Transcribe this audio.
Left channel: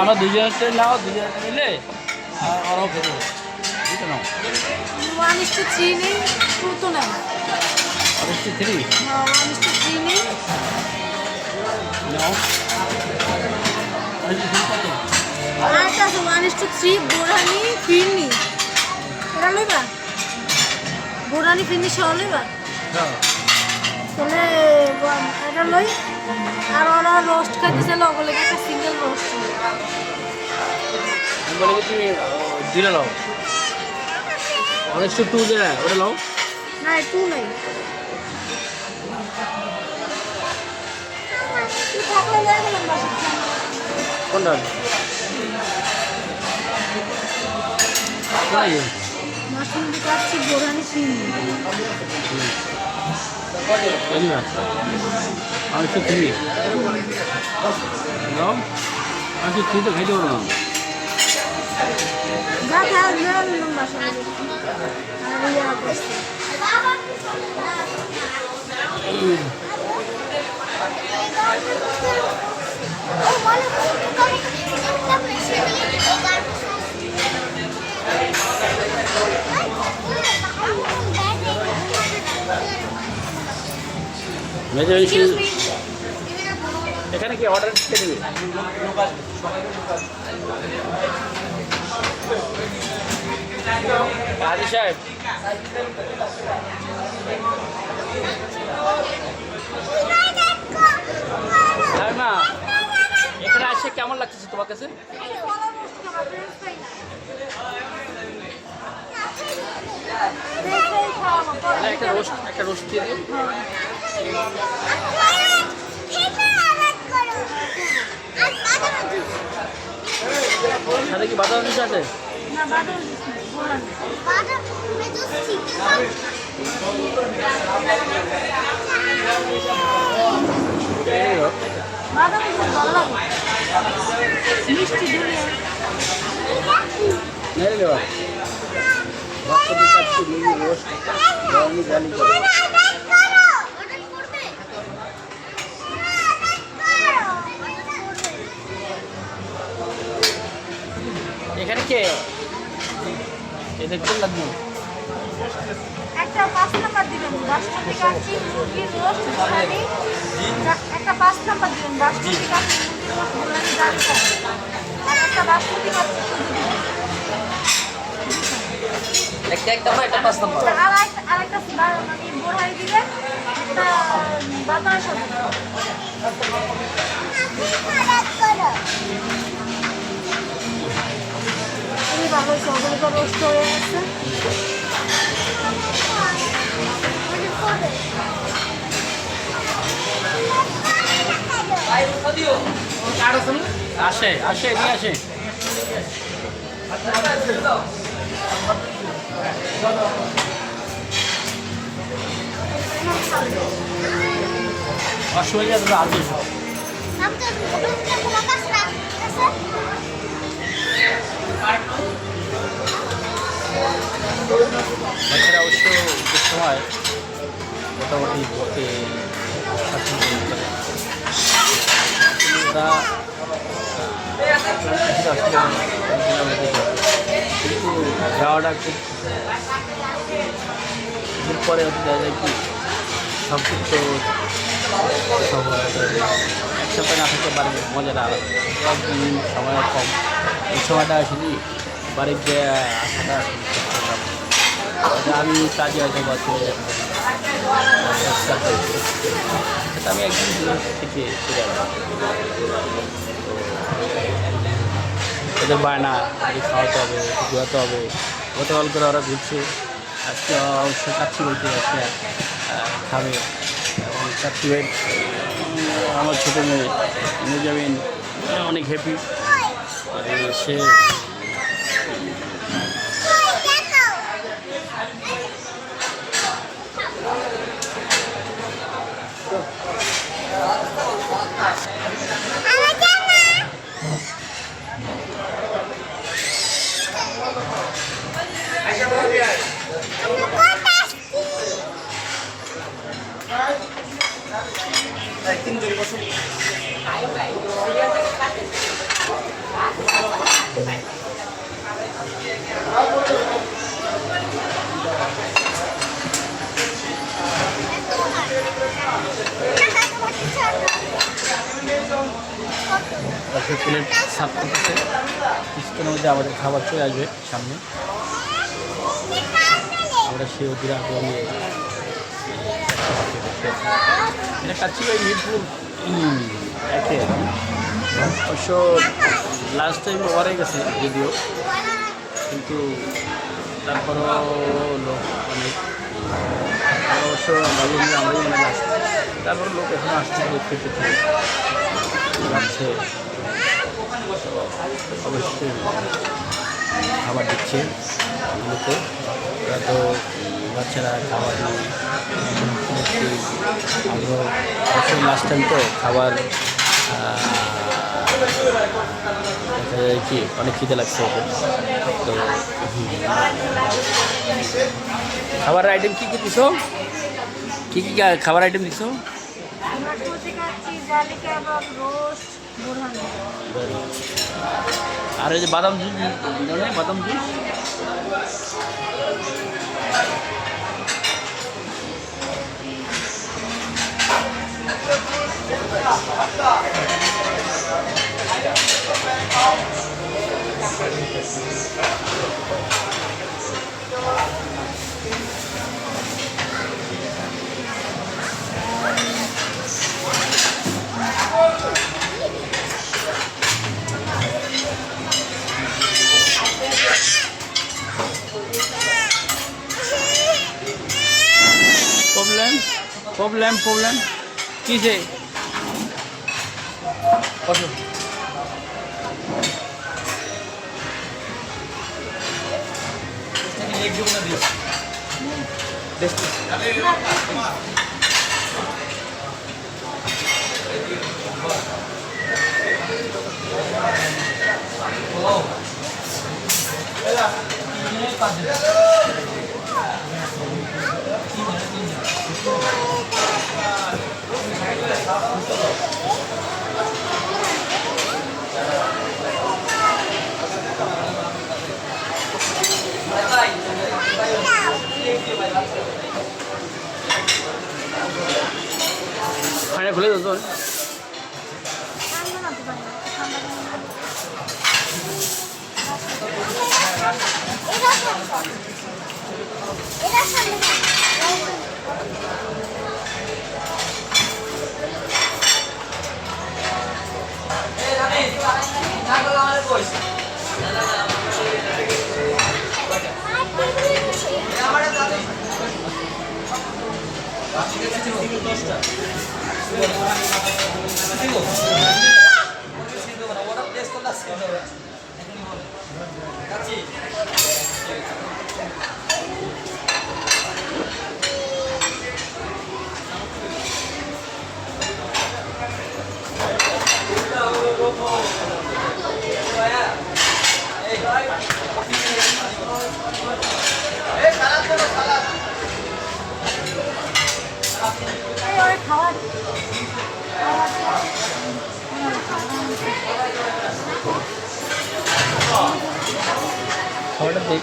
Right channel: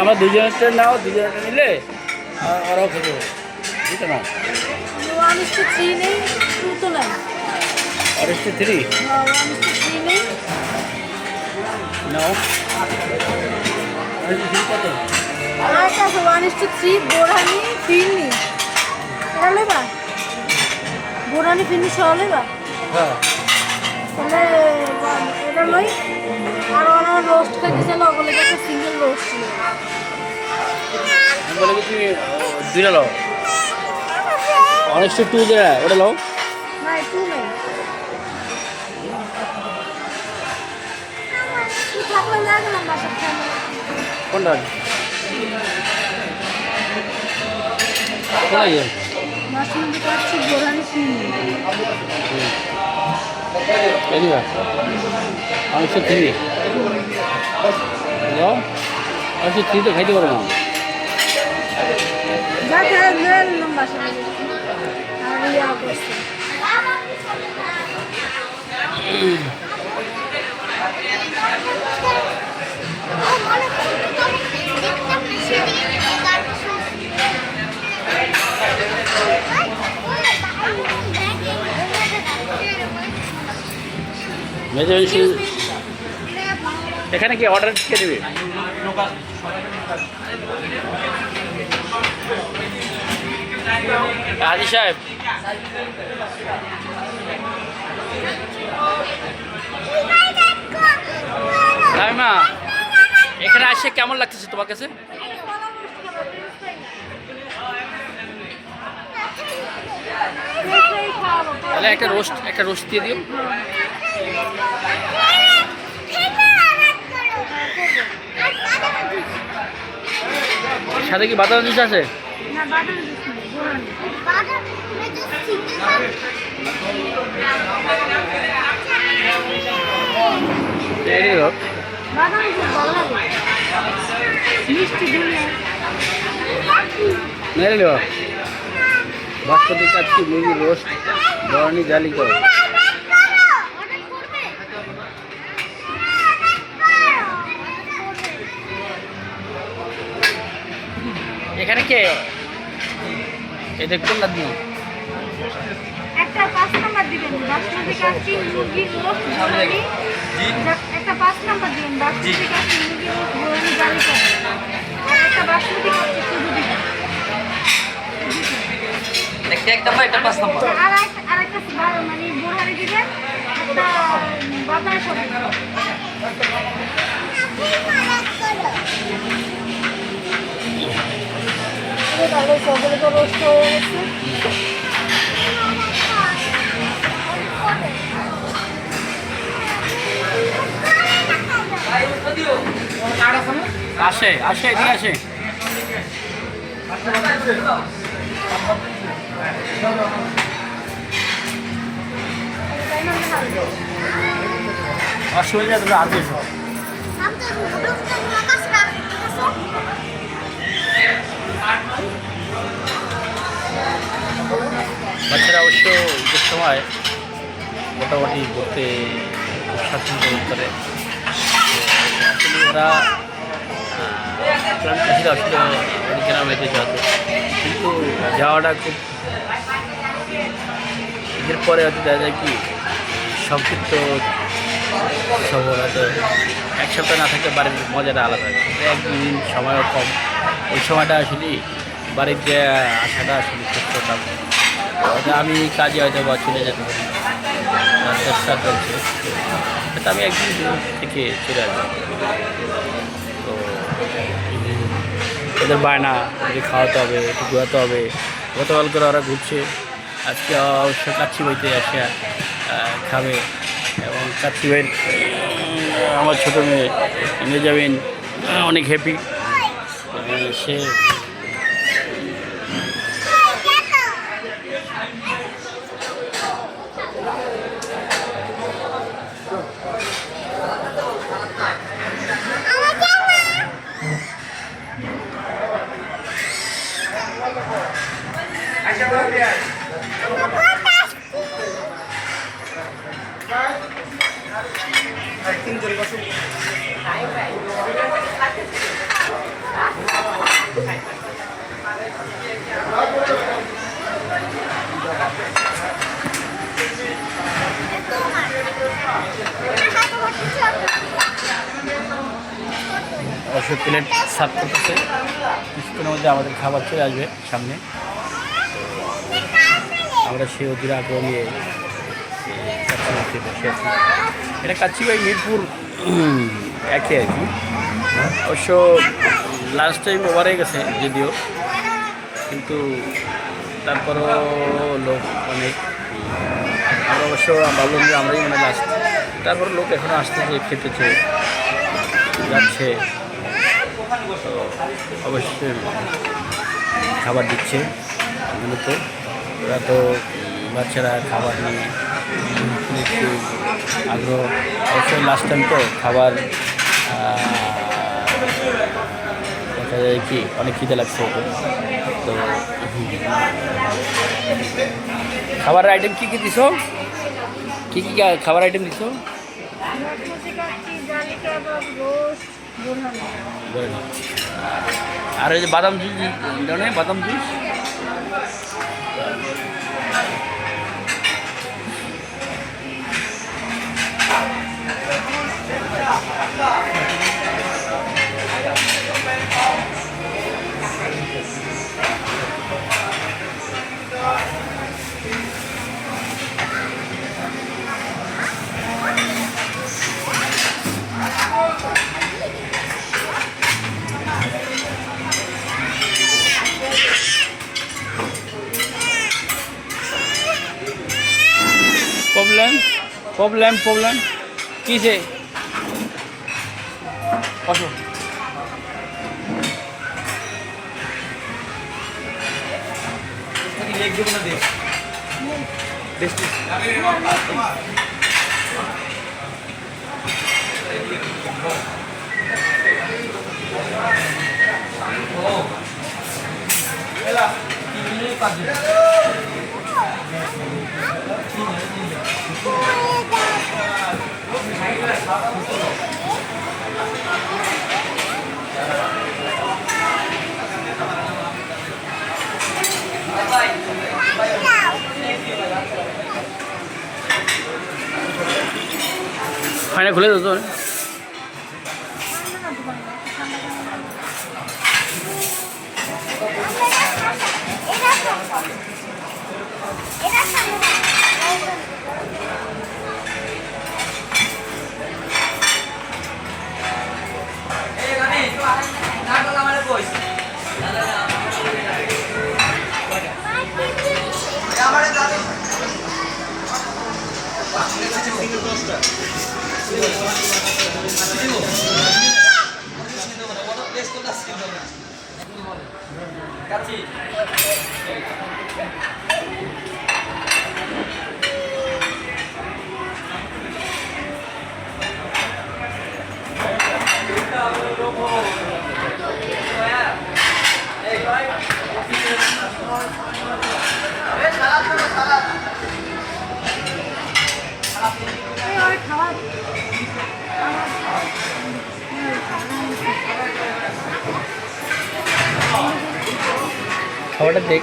আমরা দুজনেরটা নাও, দুজনেরটা নিলে আর ওরাও খেতে হবে। দুটো নাও। 1:3 নেই, 2 তো নাই। আর 3 1:3 নেই। নাও। আর কত? আর একটা আছে 1:3 বোরহানি ফিরনি। এটা লইবা? বোরহানি ফিরনি সহ লইবা? হ্যাঁ। তাহলে এটা লই। আর ওরা রোস্ট খাইতেছে লগলে একটা সিঙ্গেল রোস্ট। আমি বলে কি তুমি দুইটা নাও। 1:2 যেটা ওটা নাও। না, 2 নাই। তুই থাকলে নিয়ে গেলাম বাসার সামনে। কোনটা? কোথায় গেল? মাশরুম দিয়ে কাটছি বোরহানি ফিরনি। বুঝলিবা? 1:3 নাও। 1:3 তো খাইতে পারবো না। যা খায় নিয়ে নিলাম বাসার মধ্যে। আর ইয়া করছে। এখানে কি অর্ডার কে দেবে? হাজি সাহেব, মা এখানে আসে কেমন লাগতেছে তোমার কাছে? তাহলে একটা রোস্ট দিয়ে দিও। সাথে কি বাদাম জুস আছে? না, বাটার জুস নেই, বোরহানি। এই হোক। বাদাম জুস ভালো লাগে। মিষ্টি দুনিয়া। নেই লো বাচ্চাদের কাছে মুরগি রোস্ট বরানি জালি করে। এখানে কে এটা কোন লাগবে? একটা 5 নাম্বার দিবেন, বাসমতি কাচ্চি মুরগির রোস্ট বোরহানি। একটা 5 নাম্বার দিবেন, বাসমতি কাচ্চি মুরগির রোস্ট বোরহানি জালি করে। আর একটা বাসমতি কাচ্চি শুধু দিবেন। একটা 5 নম্বর। আরেকটা মানে বোরহানি দিবেন, একটা বাটার সবজি। ভালো সকলে তো রোস্ট হয়ে গেছে। আসে আসে এদিকে আসে। অসুবিধা তোমরা আগে এসো। বাচ্চারা অবশ্য ঈদের সময় মোটামুটি ঘুরতে স্বাচ্ছন্দ্য করে। আসলে ওরা আসলে অনেক গ্রামেতে যাবে, কিন্তু যাওয়াটা খুব ঈদের পরে হয়তো দেখা যায় কি সংক্ষিপ্ত সময়, হয়তো এক সপ্তাহ না থাকলে বাড়ির মজাটা আলাদা। একদিন সময়ও কম, ওই সময়টা আসলে বাড়িতে আসাটা আসলে কষ্টটা। আমি কাজে হয়তো বা চলে যেতে পারি, চেষ্টা করছি, সেটা আমি একদিন থেকে চলে আসবো। তো ওদের বায়না, ওদেরকে খাওয়াতে হবে, একটু ঘোরাতে হবে। গতকাল করে ওরা ঘুরছে, আজকে অবশ্য কাচ্চি বইতে আসে খাবে। এবং কাচ্চি বই আমার ছোটো মেয়ে নিয়ে যাবেন, অনেক হ্যাপি সে। অবশ্যই প্লেট সার্ভ করতেছে, কিছুক্ষণের মধ্যে আমাদের খাবার চলে আসবে সামনে। আমরা সেই অধীর আগ্রহ নিয়ে কাচ্চি বসে আছি। এটা কাচ্চি বাই মিরপুর একে আর কি। অবশ্য লাস্ট টাইম ওভার হয়ে গেছে যদিও, কিন্তু তারপরও লোক অনেক। আমরা অবশ্য ভাবলাম যে আমরাই মানে লাস্ট, তারপর লোক এখনও আসতেছে, খেতেছে, যাচ্ছে। অবশ্যই খাবার দিচ্ছে মূলত। ওরা তো বাচ্চারা খাবার নিয়ে একটু আগ্রহ। অবশ্যই লাস্ট টাইম তো খাবার দেখা যায় কি অনেক খিদে লাগছে ওকে। তো খাবারের আইটেম কী কী দিছো? কী কী খাবার আইটেম দিছো? বাসমতি কাচ্চি, জালি কাবাব, রোস্ট, বোরহানি। আর ওই যে বাদাম জুস জানে, বাদাম জুস প্রবলেম কিসে? বসো। ফাইনা খুলে দাও তো। ঠান্ডা না দোকানে, ঠান্ডা খাবারটা দেখ।